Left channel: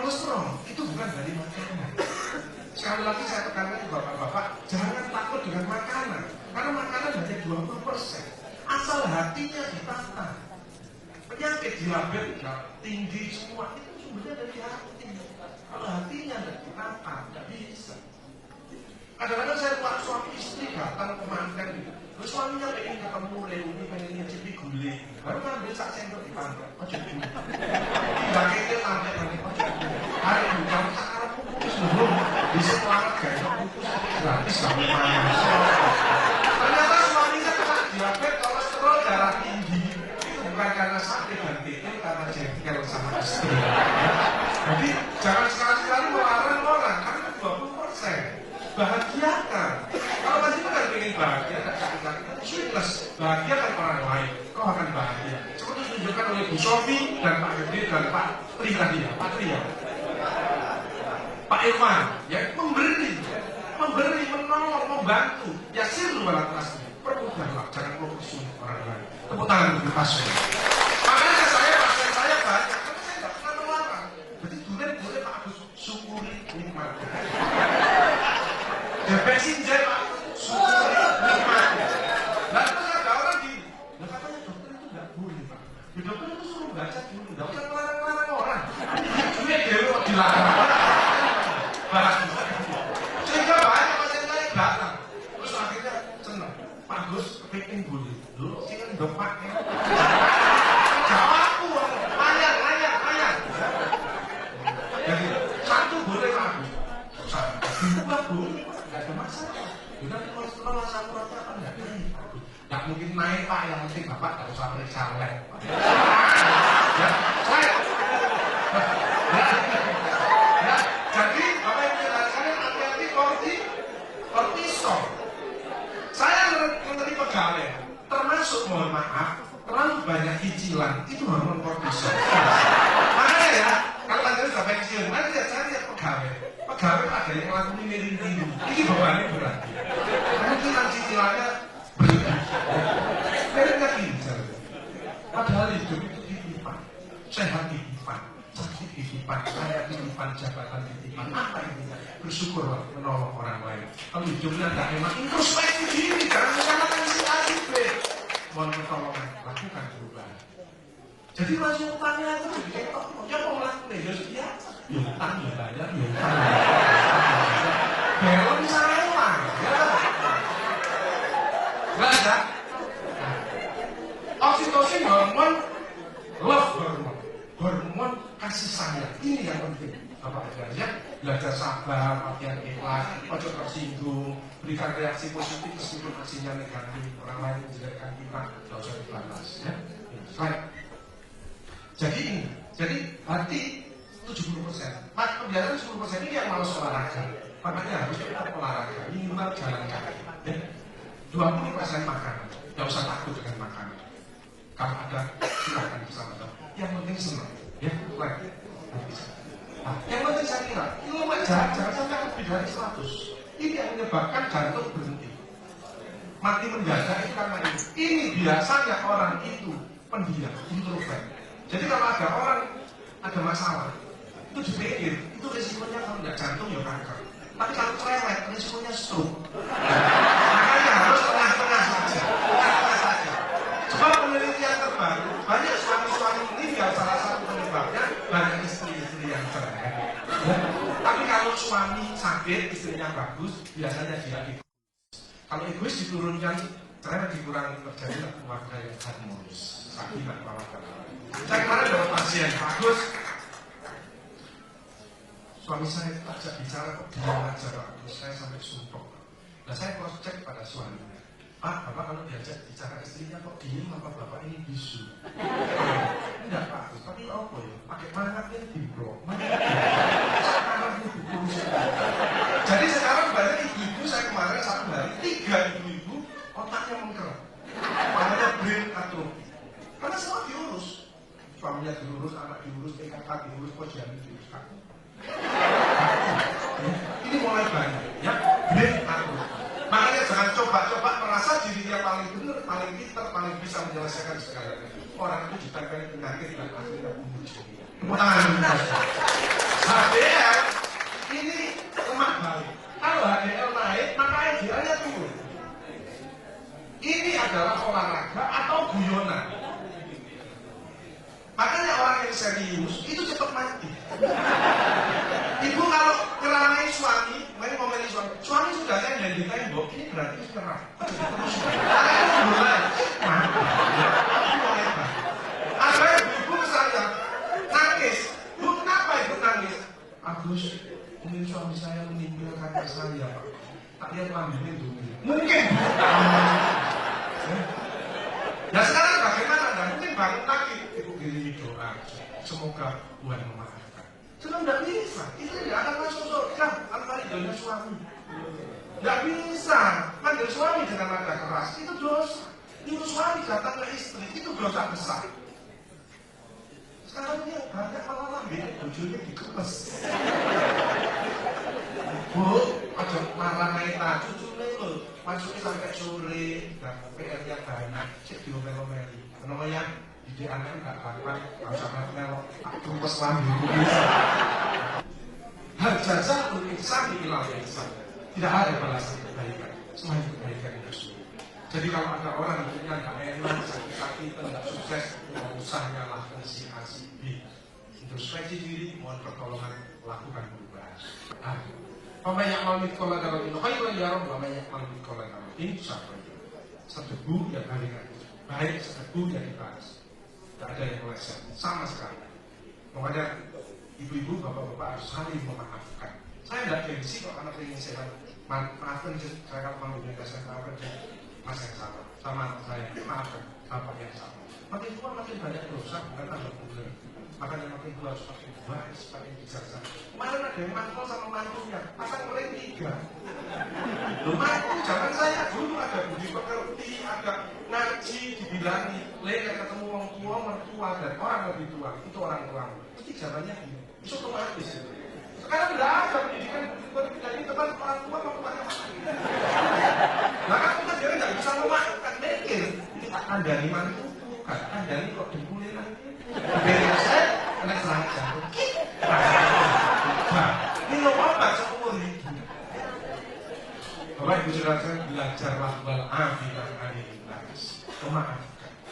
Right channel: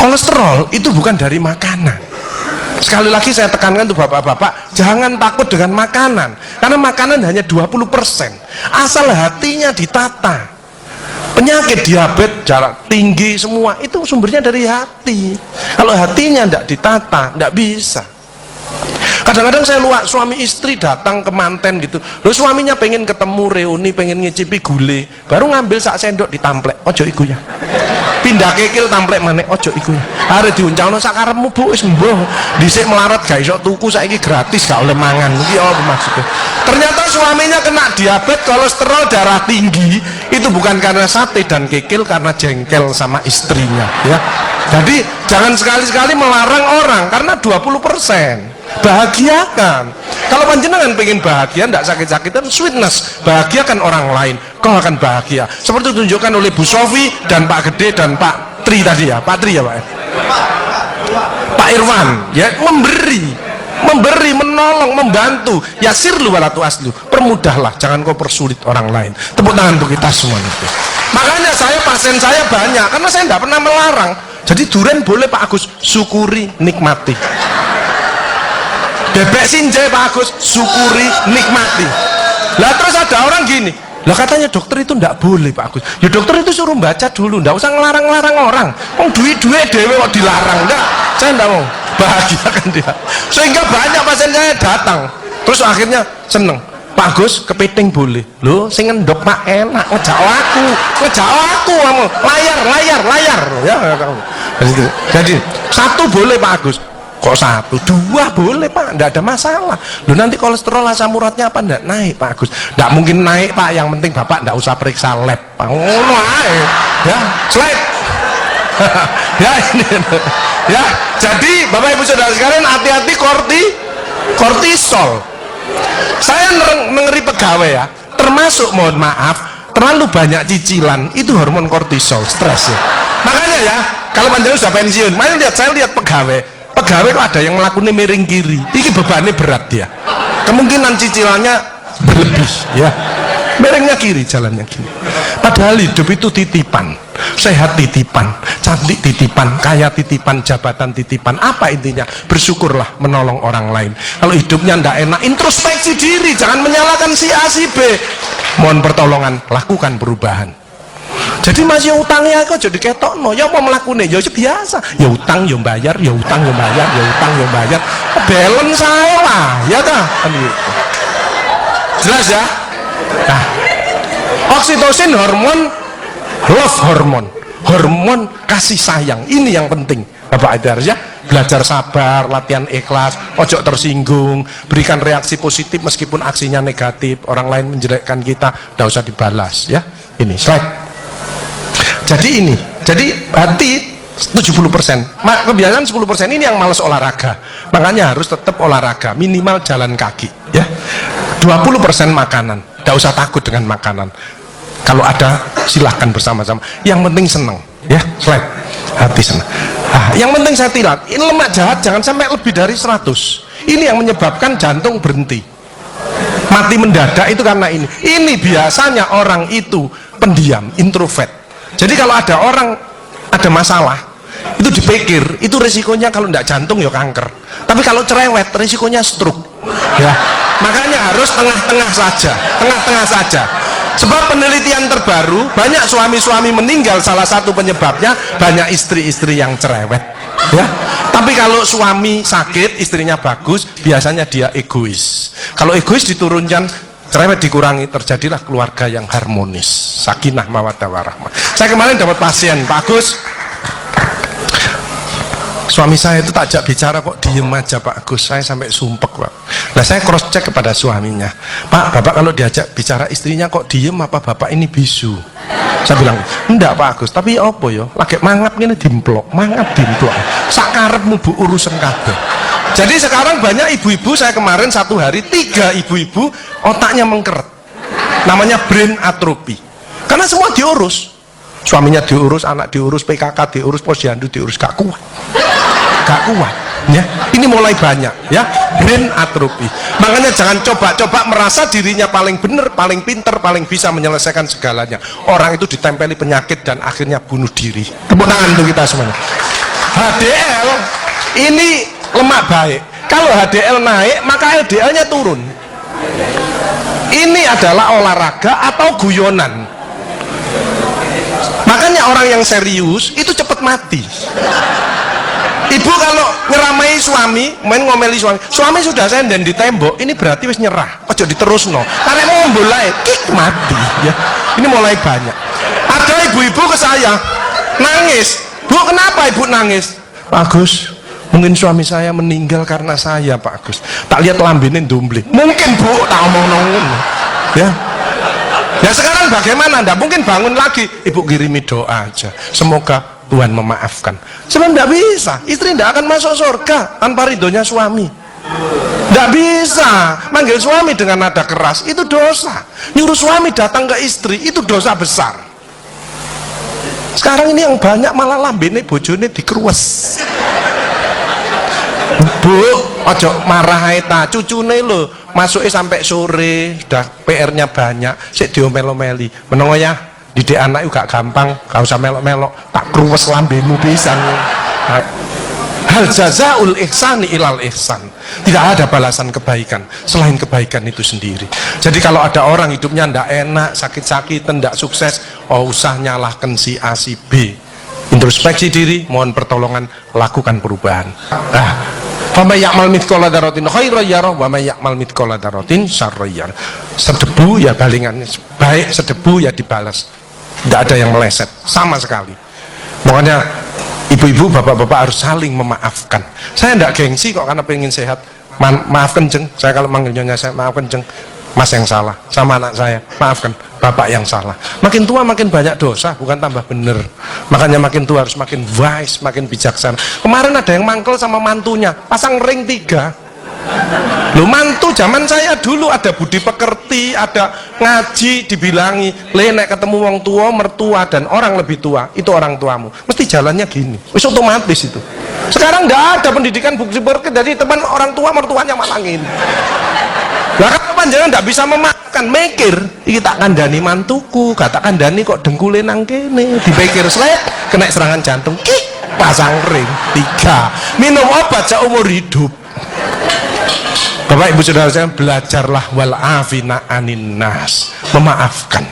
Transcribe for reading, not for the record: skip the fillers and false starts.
Kolesterol itu bukan dari makanan. Sekali lagi saya tekankan tuh bapak-bapak, jangan takut dengan makanan, karena makanan hanya 20%. Asal hatinya ditata. Penyakit diabetes, darah tinggi, semua itu sumbernya dari hati. Kalau hatinya tidak ditata, tidak bisa. Kadang-kadang saya lihat suami istri datang ke manten gitu, loh suaminya pengen ketemu reuni, pengen ngicipi gulai, baru ngambil sak sendok ditamplek, ojo iku ya. Pindah kekil tamplek maneh, ojo iku ya. Arep diuncalno sak karepmu Bu, wis mbuh. Dhisik melarat gak iso tuku, saiki gratis gak oleh mangan. Iki apa maksudnya? Ternyata suaminya kena diabetes, kolesterol, darah tinggi, itu bukan karena sate dan kekil, karena jengkel sama istrinya ya. Jadi jangan sekali-sekali melarang orang, karena 20%. Bahagiakan. Kalau panjenengan pengen bahagia, tidak sakit-sakitan, sweetness, bahagiakan orang lain, kau akan bahagia. Seperti ditunjukkan oleh Bu Sofi dan Pak Gede dan Pak Tri tadi ya, Pak Tri ya Pak. Pak Irwan ya, memberi, menolong, membantu. Yasirlu wala tu'aslu, permudahlah, jangan kau persulit orang lain. Tepuk tangan untuk kita semua itu. Makanya pasien saya banyak, karena saya tidak pernah melarang. Jadi durian boleh Pak Agus, syukuri, nikmati. Bebek sinjai Pak Agus, syukuri, nikmati. Lah terus ada orang gini, lah katanya dokter itu ndak boleh Pak Agus. Ya dokter itu suruh baca dulu, ndak usah ngelarang-larang orang. Kok duit-duit dewe kok dilarang, ndak. Saya ndak mau, bahagiakan dia. Sehingga banyak pasien saya datang, terus akhirnya seneng. Pak Agus, kepiting boleh. Loh, sing ngendok Pak enak, ngejak aku kamu. Layar. Ya, jadi satu boleh Pak Agus. Kok satu, dua boleh Pak, tidak ada masalah. Loh nanti kolesterol asam uratnya apa tidak naik Pak Agus? Tidak mungkin naik Pak, yang penting Bapak tidak usah periksa lab Pak. Ya, slide. Ya ini, ya. Jadi Bapak Ibu Saudara sekalian, hati-hati kortisol. Saya mengeri pegawai ya, termasuk mohon maaf, terlalu banyak cicilan, itu hormon kortisol, stres ya. Makanya ya, kalau panjenengan sudah pensiun, saya lihat pegawai kok ada yang melakukannya miring kiri, ini bebannya berat dia, kemungkinan cicilannya berlebih ya, miringnya kiri, jalannya kiri. Padahal hidup itu titipan, sehat titipan, cantik titipan, kaya titipan, jabatan titipan. Apa intinya? Bersyukurlah, menolong orang lain. Kalau hidupnya ndak enak, introspeksi diri, jangan menyalahkan si A si B, mohon pertolongan, lakukan perubahan. Jadi masih utangnya kok jadi ketok no, ya apa melakukannya, ya biasa, ya utang ya bayar, ya utang ya bayar, ya utang ya bayar, balance saya lah, ya dah, jelas ya. Nah, oksitosin hormon kasih sayang, ini yang penting Bapak Ibu ya. Belajar sabar, latihan ikhlas, ojo tersinggung, berikan reaksi positif meskipun aksinya negatif, orang lain menjelekkan kita, tidak usah dibalas ya. Ini slide. Jadi hati 70%, kebiasaan 10% ini yang malas olahraga, makanya harus tetap olahraga, minimal jalan kaki ya. 20% makanan, tidak usah takut dengan makanan, kalau ada silahkan bersama-sama, yang penting senang ya. Slide. Hati senang. Yang penting saya tilat, ini lemak jahat jangan sampai lebih dari 100, ini yang menyebabkan jantung berhenti, mati mendadak itu karena ini biasanya orang itu pendiam, introvert. Jadi kalau ada orang ada masalah, itu dipikir, itu resikonya kalau tidak jantung ya kanker. Tapi kalau cerewet, resikonya stroke. Ya. Makanya harus tengah-tengah saja. Sebab penelitian terbaru, banyak suami-suami meninggal, salah satu penyebabnya banyak istri-istri yang cerewet. Ya. Tapi kalau suami sakit, istrinya bagus, biasanya dia egois. Kalau egois diturunkan, cerewet dikurangi, terjadilah keluarga yang harmonis, sakinah mawaddah warahmah. Saya kemarin dapat pasien, Pak Agus, suami saya itu tak ajak bicara kok diem aja Pak Agus, saya sampai sumpek Pak. Nah saya cross check kepada suaminya, Pak, Bapak kalau diajak bicara istrinya kok diem, apa Bapak ini bisu? Saya bilang, enggak Pak Agus, tapi apa ya, lagi mangap ini dimplok, sakarepmu Bu urusan kabeh. Jadi sekarang banyak ibu-ibu, saya kemarin satu hari 3 ibu-ibu otaknya mengkeret, namanya brain atrophy, karena semua diurus, suaminya diurus, anak diurus, PKK diurus, posyandu diurus, gak kuat ya. Ini mulai banyak ya, brain atrophy. Makanya jangan coba-coba merasa dirinya paling benar, paling pinter, paling bisa menyelesaikan segalanya. Orang itu ditempeli penyakit dan akhirnya bunuh diri. Tepuk tangan untuk kita semuanya. HDL ini lemak baik. Kalau HDL naik, maka LDL-nya turun. Ini adalah olahraga atau guyonan. Makanya orang yang serius itu cepat mati. Ibu kalau ngeramai suami, main ngomeli suami sudah senden di tembok, ini berarti wis nyerah, ojo diterusno. Karena mau mulai mati ya. Ini mulai banyak. Ada ibu-ibu ke saya nangis, "Bu, kenapa Ibu nangis?" "Pak Agus, mungkin suami saya meninggal karena saya, Pak Agus. Tak lihat lambene ndumbling." "Mungkin Bu," tak ngomong-ngomong. Ya. Ya sekarang bagaimana? Nggak mungkin bangun lagi. Ibu kirimi doa aja. Semoga Tuhan memaafkan. Sebenarnya nggak bisa. Istri nggak akan masuk surga tanpa ridhonya suami. Nggak bisa. Manggil suami dengan nada keras itu dosa. Nyuruh suami datang ke istri itu dosa besar. Sekarang ini yang banyak malah lambene bojone dikeruwes. "Bu, ojo marah ta, cucune lho, masuke sampai sore, sudah PR-nya banyak, sik diomel-omeli. Menengo ya, didik anak juga gampang, gak usah melok-melok, tak kruwes lambemu pisan." Hal jazaul ihsani ilal ihsan. Tidak ada balasan kebaikan selain kebaikan itu sendiri. Jadi kalau ada orang hidupnya ndak enak, sakit-sakitan, ndak sukses, oh usah nyalahkan si A si B. Introspeksi diri, mohon pertolongan, lakukan perubahan. Faman ya'mal mithqala dzarratin khairan yarah wa may ya'mal mithqala dzarratin syarran yarah. Sedebu ya balingannya baik, sedebu ya dibalas. Tidak ada yang meleset sama sekali. Makanya ibu-ibu, bapak-bapak harus saling memaafkan. Saya tidak gengsi kok karena pengen sehat. Maafkan jeng, saya kalau manggil nyonya saya maafkan jeng. Mas yang salah sama anak saya, maafkan bapak yang salah. Makin tua makin banyak dosa, bukan tambah bener. Makanya makin tua harus makin wise, makin bijaksana. Kemarin ada yang mangkel sama mantunya, pasang ring 3. Loh, mantu zaman saya dulu ada budi pekerti, ada ngaji, dibilangi, "Le, nek ketemu wong tua, mertua dan orang lebih tua, itu orang tuamu. Mesti jalannya gini." Wis otomatis itu. Sekarang enggak ada pendidikan budi pekerti, jadi teman orang tua mertuanya malangin. Lah kan panjenengan ndak bisa memakan, mikir, iki tak kandhani mantuku, gak tak kandhani kok dengkule nang kene, dipikir slek, kena serangan jantung, pasang ring 3. Minum obat seumur hidup. Bapak Ibu Saudara saya, belajarlah wal afina anin nas, memaafkan.